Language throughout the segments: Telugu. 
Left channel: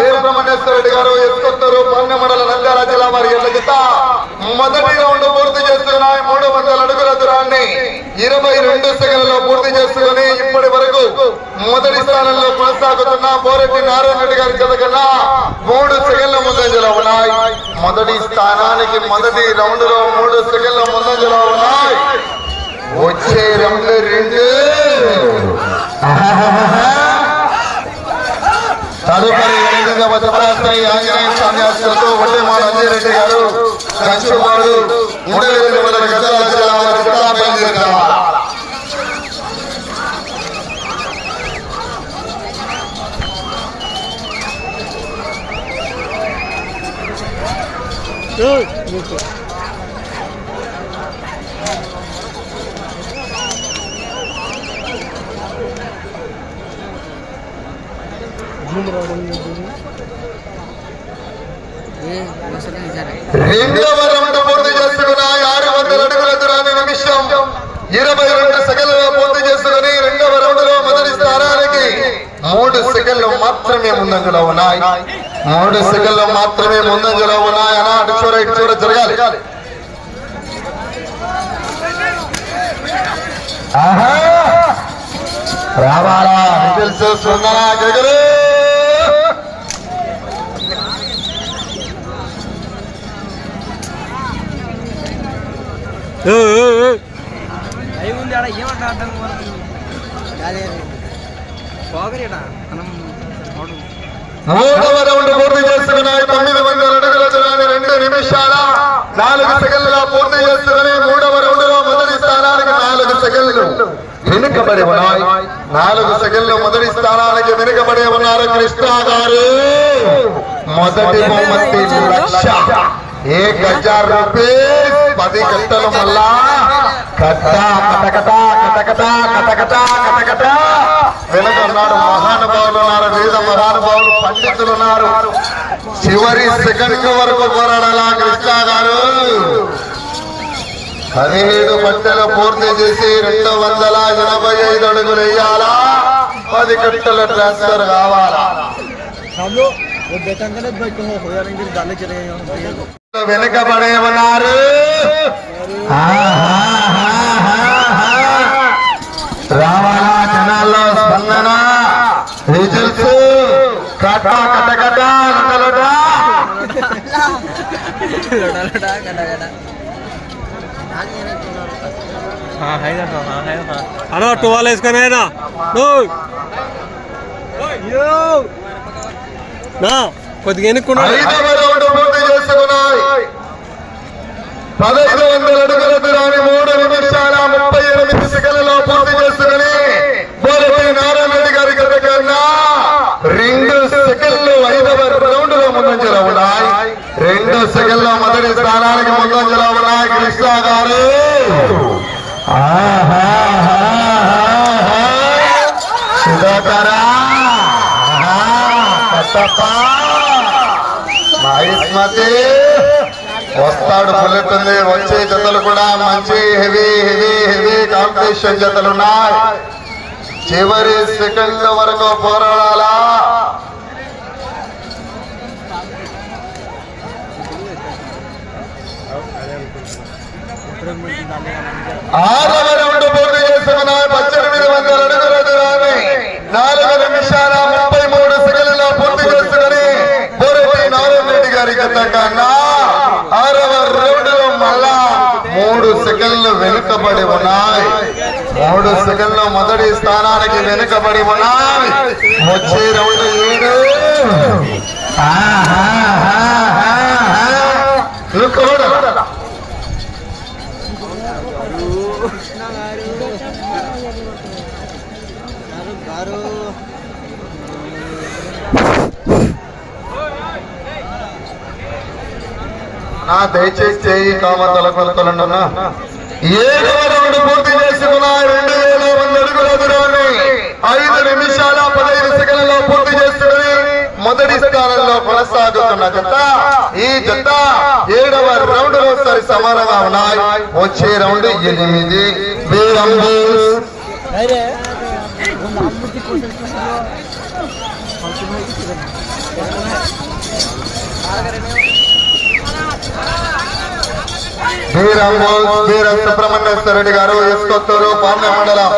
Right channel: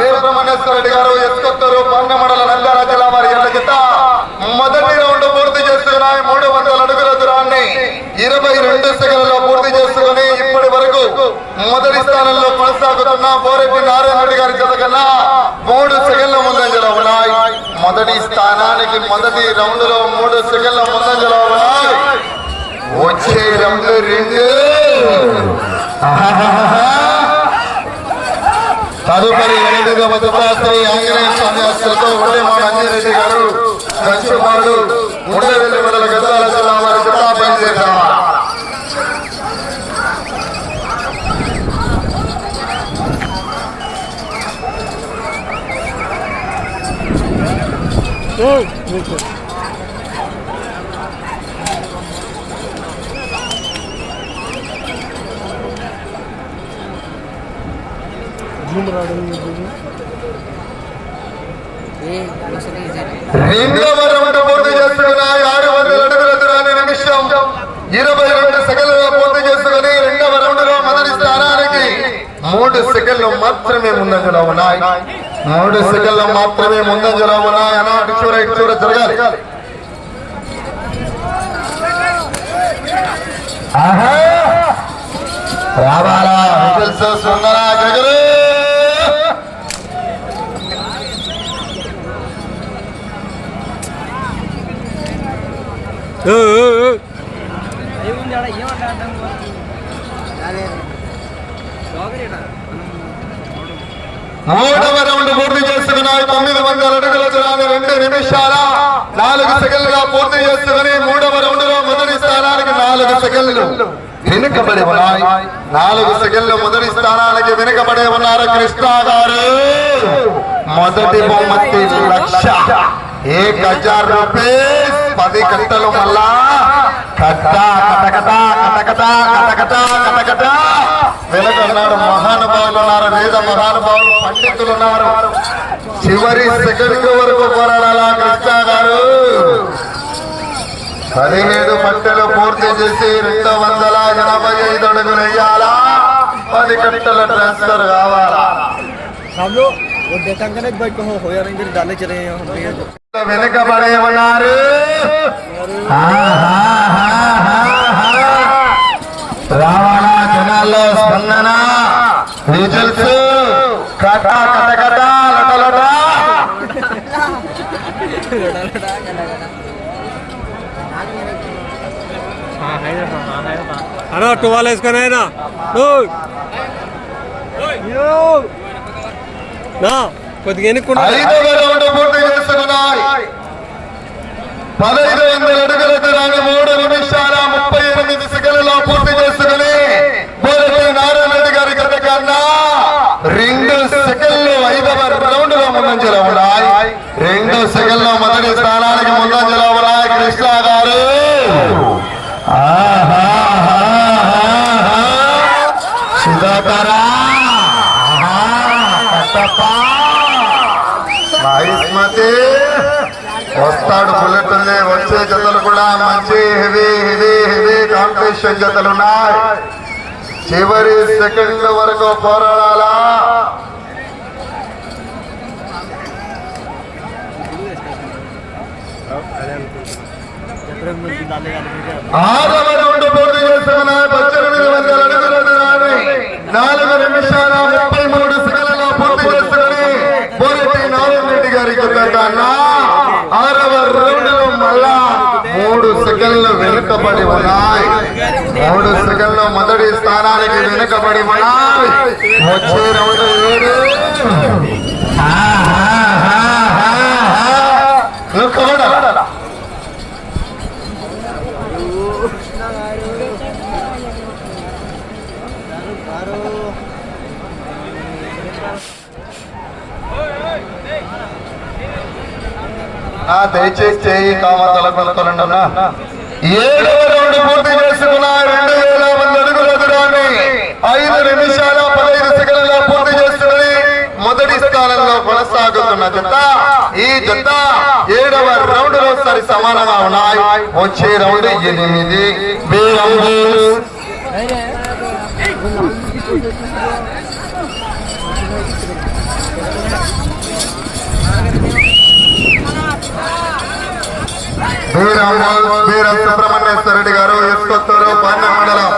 బేర సుబ్రహ్మణ్యేశ్వర రెడ్డి గారు ఎస్కొత్తూరు పన్నె మండల నంద్యాల జిల్లా వారి ఎల్ల జత. మొదటి రౌండ్ పూర్తి చేస్తున్నాయి మూడు వందల అడుగుల దూరాన్ని ఇరవై రెండు సెకండ్లలో పూర్తి చేసుకుని ఇప్పటి వరకు మొదటి స్థానంలో కొనసాగుతున్న పోరెడ్డి నారాయణ రెడ్డి గారి జత కన్నా మూడు సెకండ్ల ముందంజలో ఉన్నాయి. మొదటి స్థానానికి మొదటి రౌండ్లో మూడు సెకండ్ల ముందంజలో ఉన్నాయి. వచ్చే రౌండ్ రెండు. తదుపరి ఎన్నికగా భద్రపరాస్తాయి ఆంజనేయ స్వామి ఆస్తులతో వడ్డేమాల అంజరెడ్డి గారు కంచిపాడు ఇరవై ఎనిమిది గంటల రెండవ రౌండ్ పూర్తి చేసుకున్నాయి ఆరు వందల అడుగుల దూరాన్ని నిమిషం ఇరవై రెండు సెకండ్లలో పూర్తి చేసుకుని రెండవ రౌండ్లో మొదటి స్థానానికి మూడు సెకండ్లు మాత్రమే ముందంజలో ఉన్నాయి. మూడు సెకండ్లు మాత్రమే ముందంజలో ఉన్నాయి. అలా అటు చూడ ఇటు చూడ జరగాలి. రావాలా? తెలుసు సుందరా గగరే మూడవ రౌండ్ పూర్తి చేసుకున్నాయి తొమ్మిది వందల అడుగుల దూరాన్ని రెండు నిమిషాల నాలుగు సెకండ్లుగా పూర్తి చేసుకుని మూడవ రౌండ్లో మొదటి స్థానానికి నాలుగు సెకండ్లు వెనుకబడి ఉన్నాయి. నాలుగు సెకండ్లు మొదటి స్థానానికి వెనుకబడి ఉన్నారు కృష్ణ గారు. మొదటి బహుమతి లక్ష. ఏ గజ రూపే? పది కట్టలు మళ్ళా. కట్ట కటకట కటకట కటకట కటకట వెనక మహానుభావులు ఉన్నారు వేద మహానుభావులు పండితులు ఉన్నారు. చివరి సెకండ్ వరకు పోరాడాలా కృష్ణ గారు? పదిహేడు కట్టెలు పూర్తి చేసి రెండు వందల ఎనభై ఐదు అడుగులు వేయాలా? పది కట్టెలు ట్రాన్స్ఫర్ కావాలా? దేకంగనే బై కహో హోయా రంగిల్ డాలే చలే హం వెనక పడే వనారు రావాల జనాల్లో స్పందన రిజల్ట్స్ కట కట కట లట లట అన్నా టూ వాళ్ళు వేసుకొని అయినా కొద్దిగా ఎన్నుకున్నా పదహైదు వందల అడుగుల దూరాన్ని మూడు నిమిషాల ముప్పై ఎనిమిది సెకండ్లలో పూర్తి చేసుకుని మొదటి నారాయణ రెడ్డి గారి గత కన్నా రెండు సెకండ్లు ఐదవ రౌండ్లో ముందంజలో ఉన్నాయి రెండు సెకండ్ల మొదటి స్థానానికి ముందంజలో ఉన్నాయి కృష్ణ గారు సుధాకరా మహేష్మతి వస్తాడు బుల్లెట్ ఉంది వచ్చే జతలు కూడా మంచి హెవీ హెవీ హెవీ కాంపిటీషన్ జతలు ఉన్నాయి. చివరి సెకండ్ వరకు పోరాడాలా? ఆరవ రౌండ్ పూర్తి చేసుకున్న పద్దెనిమిది వందల అడుగుల దూరాన్ని నాలుగు నిమిషాల ముప్పై మూడు సెకండ్లలో పూర్తి చేసుకుని బోరెడ్డి నారాయణ రెడ్డి గారి గత కన్నా ఆరవ రౌండ్ మళ్ళా మూడు సెకండ్లు వెనుకబడి ఉన్నాయి. మూడు సెకండ్ల మొదటి స్థానానికి వెనుకబడి ఉన్నాయి. వచ్చే రోజు ఏడు. నా దయచేసి చేయి కామతల కొలతలుండనా ఏడవ రౌండ్ పూర్తి చేసుకున్న రెండు వేల మంది అడుగుల దూరాన్ని ఐదు నిమిషాల పదహైదు సెకండ్లలో పూర్తి చేస్తున్నది. మొదటి స్థానంలో కొనసాగుతున్న జత. ఈ జత ఏడవ రౌండ్లో సరి సమానంగా ఉన్నాయి. వచ్చే రౌండ్ ఎనిమిది. Thank రౌండ్ వీర సుబ్రహ్మణ్యేశ్వర రెడ్డి గారు ఇసుకొత్తూరు పాండ్య మండలం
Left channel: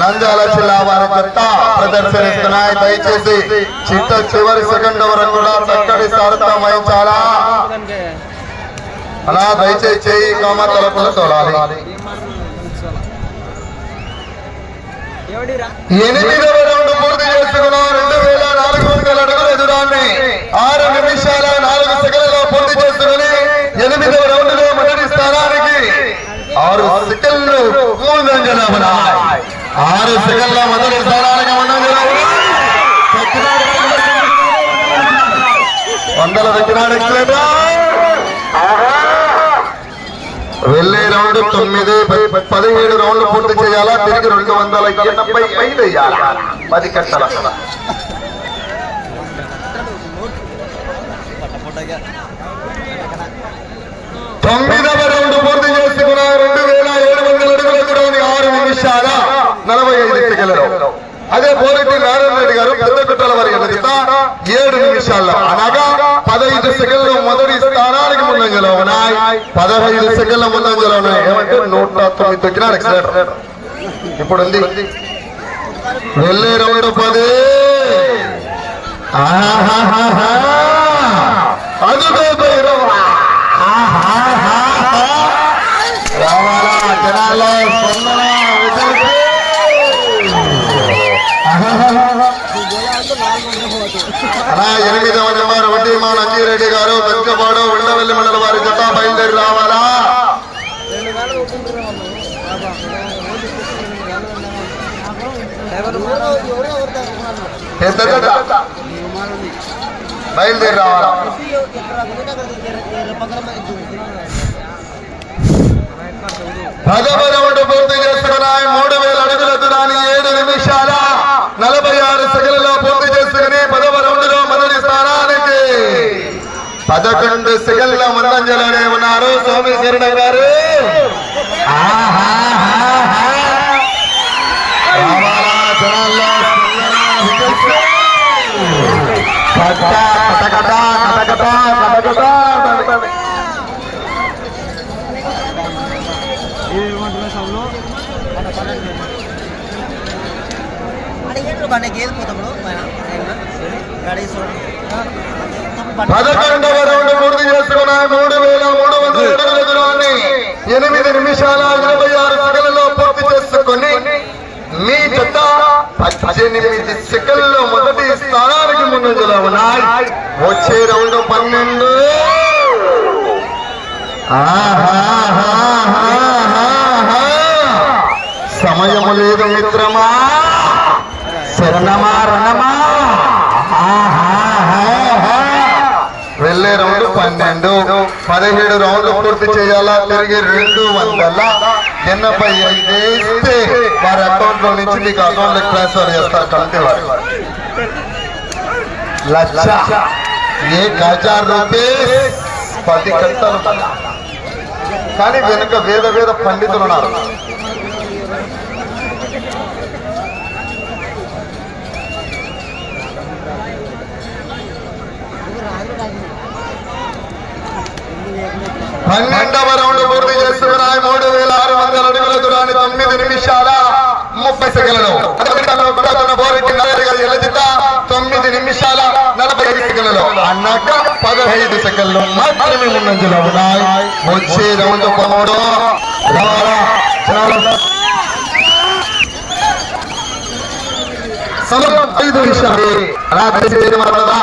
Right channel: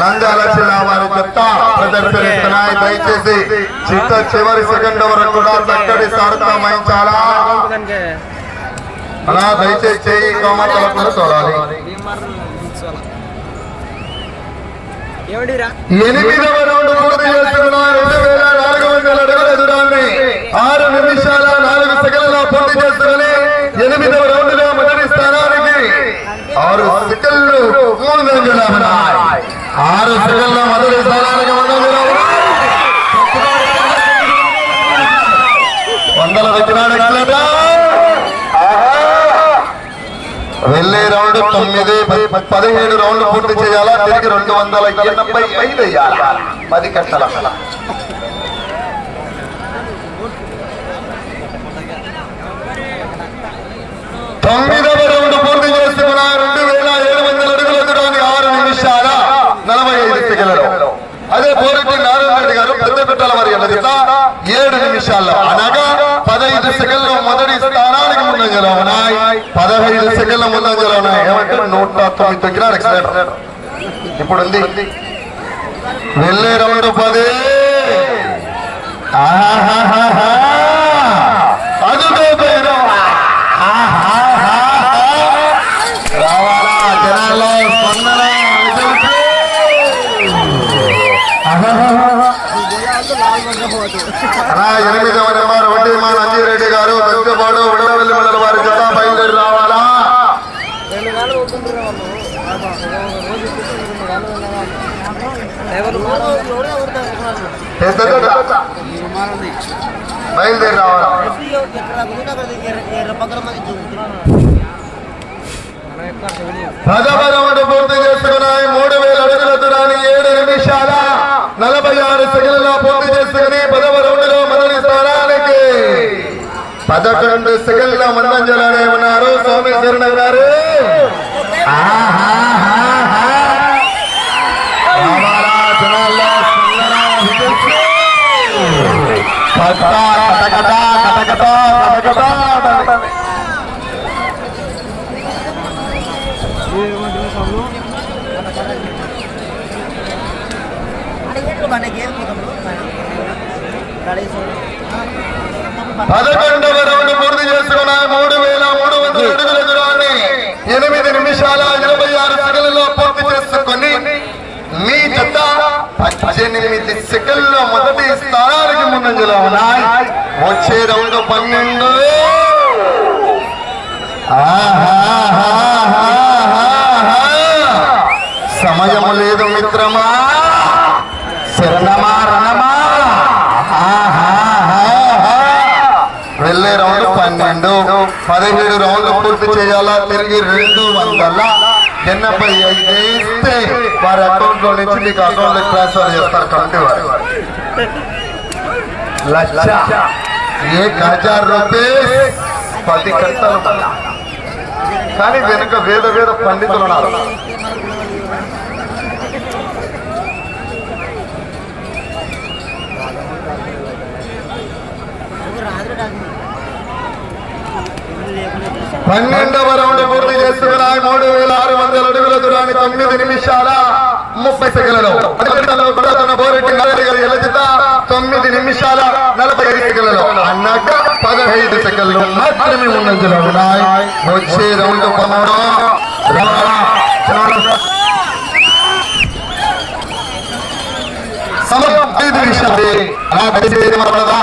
నంద్యాల జిల్లా వారి చెత్త ప్రదర్శనిస్తున్నాయి. దయచేసి చిత్త చివరి సెకండ్ వరకు కూడా చక్కటి సారథ్యం వహించాలా? దయచేసి చేయి గోమాతలకు చూడాలి ఎనిమిదవ రౌండ్ పూర్తి చేసుకున్న రెండు వేల నాలుగు వందల అడుగుల దూరాన్ని ఆరు నిమిషాల నాలుగు సెకండ్ల పూర్తి చేసుకుని ఎనిమిదవ రౌండ్లో మొదటి స్థానానికి ఆరు సెకండ్లు ముందంజలో ఉన్నాయి ఆరు సెకండ్ల మొదటి స్థానానికి వందల దక్కినాడు వెళ్ళే రౌండ్ తొమ్మిది పదిహేడు రౌండ్లు పూర్తి చేయాలా? తిరిగి రెండు వందల ఎనభై ఐదు వేయాలా? పది కట్టల తొమ్మిదవ రౌండ్ పూర్తి చేసుకున్నారు రెండు వేల ఏడు వందల అడుగుల దూరాన్ని ఆరు నిమిషాల నలభై ఐదు సెకండ్లలో అదే పోరెడ్డి నారాయణ రెడ్డి గారు పెద్ద కుట్టల వారి ఎదుట ఏడు నిమిషాల్లో అనగా పదహైదు సెకండ్ల మొదటి స్థానానికి ముందంజలో ఉన్నాయి. పదహైదు సెకండ్ల ముందంజలో ఉన్నాయి. ఏమంటే నూట తొమ్మిది దగ్గర ఇప్పుడు ఉంది వెళ్ళే రౌండ్ పది. అది అదిగో తీరం. ఆహాహాహా. జనాల్లో స్పందన ఎనిమిది వారు వడ్డీ మా నందిరెడ్డి గారు పెద్దపాడు ఉండవల్లి మండలి వారి జత బయలుదేరి రావాలా బయలుదేరి రావాలా సెకండ్లో మరణంజలాడే ఉన్నారు సోమేశ్వరుడు గారు. పదకొండవ పద్దెనిమిది సెకండ్ల మొదటి స్థానానికి ముందంజలో ఉన్నాయి వచ్చే రౌండ్ పన్నెండు. సమయం లేదు మిత్రమా. శరణమా రణమా. వెళ్ళే రౌండ్ పన్నెండు. పదిహేడు రౌండ్లు పూర్తి చేయాలా? తిరిగి రెండు వందల ఎనభై ఐదు. నుంచి మీకు అకౌంట్ ట్రాన్స్ఫర్ చేస్తారు కమిటీ వారు లక్ష ఏ హజార్ రూపాయలు పది కట్టాలు కానీ వెనుక వేద వేద పండితులు ఉన్నారు పన్నెండవ రౌండ్ పూర్తి చేసుకున్నాయి మూడు వేల ఆరు వందల అడుగుల దూరాన్ని తొమ్మిది నిమిషాల ముప్పై సెకండ్లలో ఎలజిత తొమ్మిది నిమిషాల నలభై ఐదు సెకండ్లలో అన్నాక పదహైదు సెకండ్లు మాత్రమే ముందంజలో ఉన్నాయి. వచ్చే రౌండ్ పదమూడు ఐదు అలా వరదా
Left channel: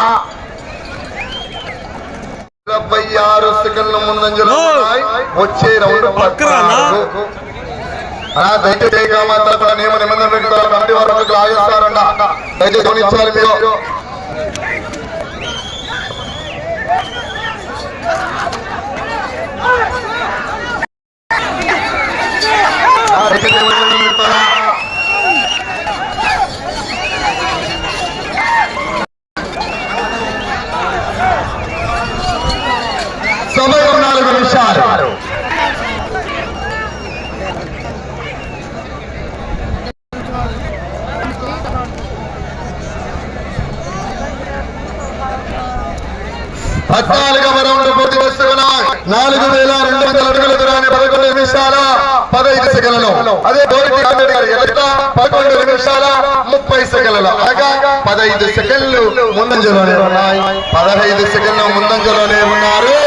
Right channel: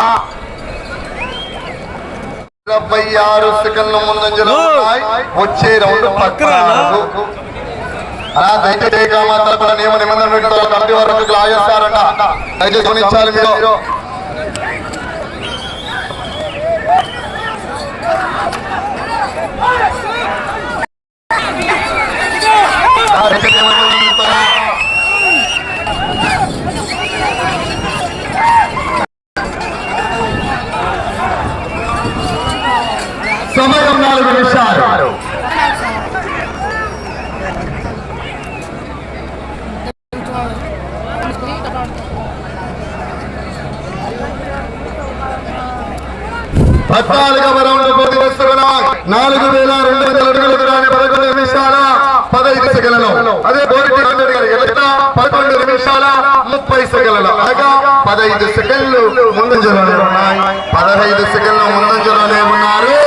ఆరు సెకండ్ల ముందంజలో. వచ్చే రౌండ్ పక్కరానా? పద్నాలుగు. అలా దయచేసి కామాంతలు కూడా నియమ నిబంధనలు కమిటీ వారు మీకు లాగేస్తారంట దయచేసి గమనించాలి మీరు. ఆ, దయచేసి ఏమన్నా చెప్తారా? పదహైదు సెకండ్లు ముందంజలోనే ఉన్నాయి పదహైదు సెకండ్ల ముందంజలోనే ఉన్నారు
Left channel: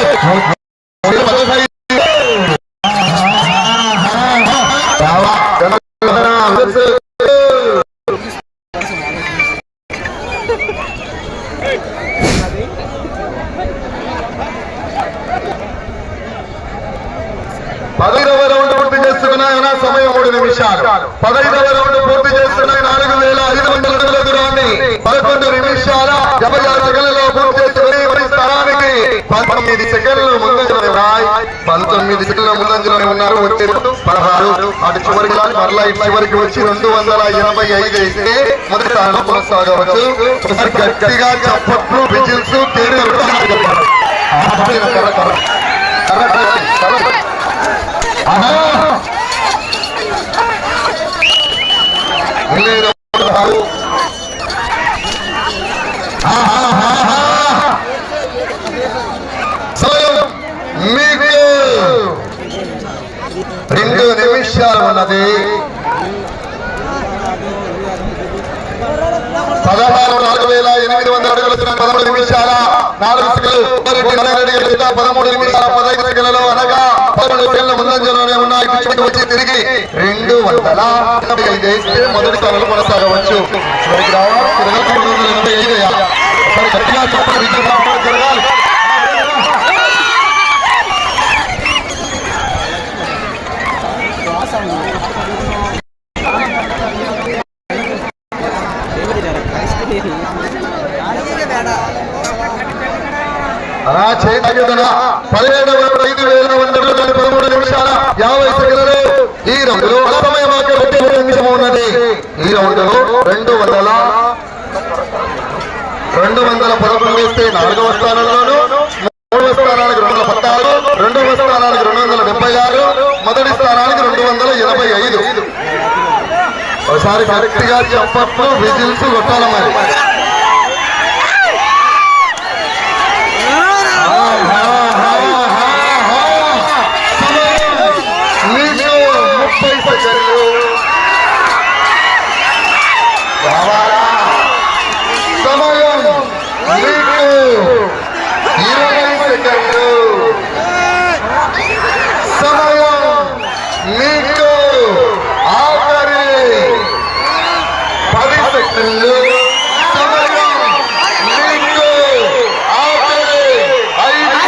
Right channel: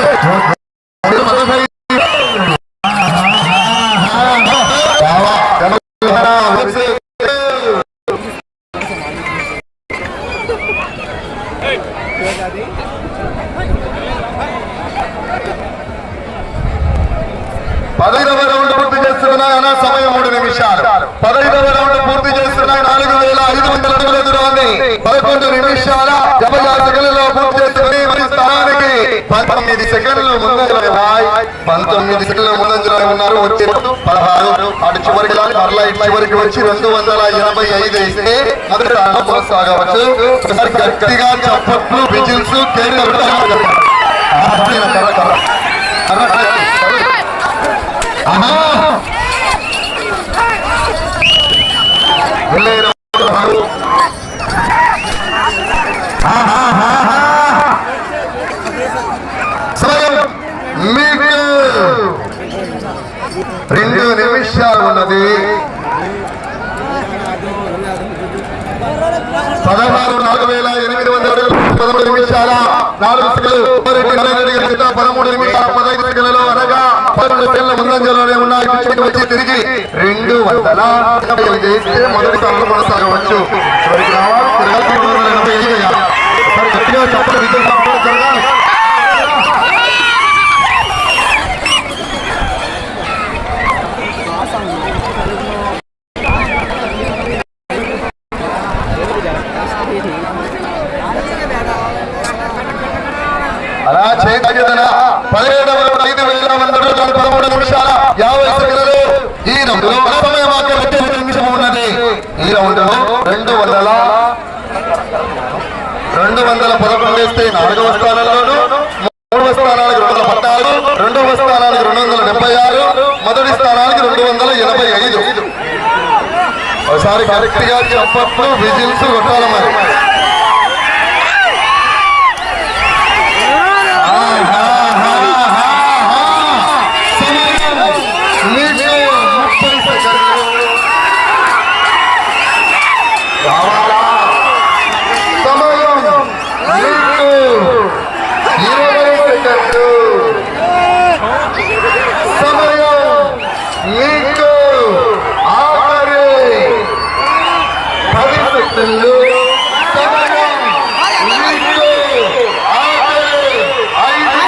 పదహైదవ రౌండ్ పూర్తి చేస్తున్నాయి అన్న సమయం మూడు నిమిషాలు పదహైదవ రౌండ్ పూర్తి చేస్తున్నాయి నాలుగు వేల ఐదు వందల అడుగుల దూరాన్ని పదకొండు నిమిషాల డెబ్బై ఆరు సెకండ్లలో పూర్తి చేసుకుని మరి స్థానానికి పంతొమ్మిది సెకండ్లు ముందంజలో ఉన్నాయి పంతొమ్మిది సెకండ్ల ముందంజలో ఉన్నారు. వచ్చే పదహారు అటు చివరికి మరలా చివరికి వచ్చి రెండు వందల ఎనభై ఐదు అయితే మొదటి స్థానంలో కొనసాగవచ్చు. ఒకసారి గట్టిగా చప్పట్లు విజిల్స్ కేడీ ఆహా! వెళ్ళే రౌండ్ ఆహాహాహా! సమయం మీకు రెండు నిమిషాలు ఉన్నది పదహారు నాలుగు వేల ఎనిమిది వందల అడుగులు పదమూడు నాలుగు సెకండ్లు పదమూడు నిమిషాల పదహైదు సెకండ్లలో అనగా పదమూడు సెకండ్ల ముందంజలోనే ఉన్నాయి వచ్చి తిరిగి రెండు వందల ఎనభై ఐదు మొదటి స్థానంలో కొనసాగవచ్చు రావాలి. ఎనభై ఐదు చేయగలిగిన ఐదు వేల పదమూడు నిమిషాల యాభై సెకండ్లు. ఈ నిమిషం ఉన్నది ఈ రెండు వందల రెండు వందల పదకొండు వేస్తే నాలుగవ స్థానంలోను మూడవ స్థానానికి రెండు వందల పద్నాలుగు రెండవ స్థానానికి రెండు వందల డెబ్బై ఆరు మొదటి స్థానానికి రెండు వందల ఎనభై ఐదు. ఒకసారి గట్టిగా చప్పట్లు విజిల్స్ కొట్టాలి మరి సమయం మీకు ముప్పై సెకండ్లు రావాలా సమయం మీకు ఇరవై సెకండ్లు సమయం మీకు ఆఖరి పది సెకండ్లు సమయం మీకు ఆఖరి ఐదు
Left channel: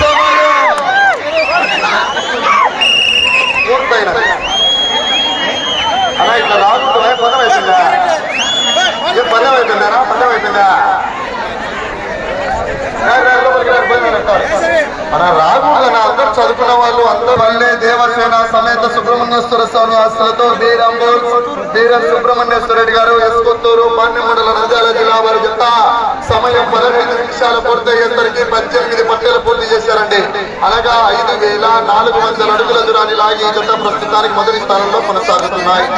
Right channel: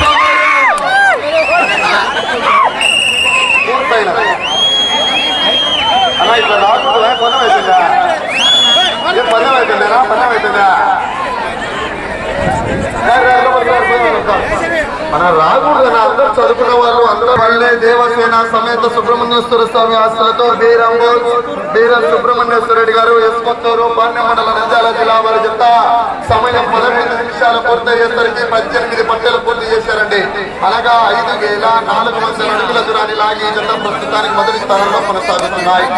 సమయం పూర్తయినది. అలా ఇట్లా రాకూడదు, రా, పని అవుతుందా? ఏం పని అవుతుందా? పని అవుతుందా? రా, రా, లోపలికి రా, పని అవుతుందా? అలా రాకూడదు అలా అందరూ చదువుకున్న పల్లె దేవసేన సమేత సుబ్రహ్మణ్యేశ్వర స్వామి ఆస్తులతో బీరంబోర్ బీరం సుబ్రహ్మణ్యేశ్వర రెడ్డి గారు ఎస్కొత్తూరు పాండ్య మండల నంద్యాల జిల్లా వారి జత సమయం పదహైదు నిమిషాల పూర్తయ్యేసరికి పద్దెనిమిది పట్టెలు పూర్తి చేశారండి. అనగా ఐదు వేల నాలుగు వందల అడుగుల దూరాన్ని లాగి జత ప్రస్తుతానికి మొదటి స్థానంలో కొనసాగుతున్నాయి.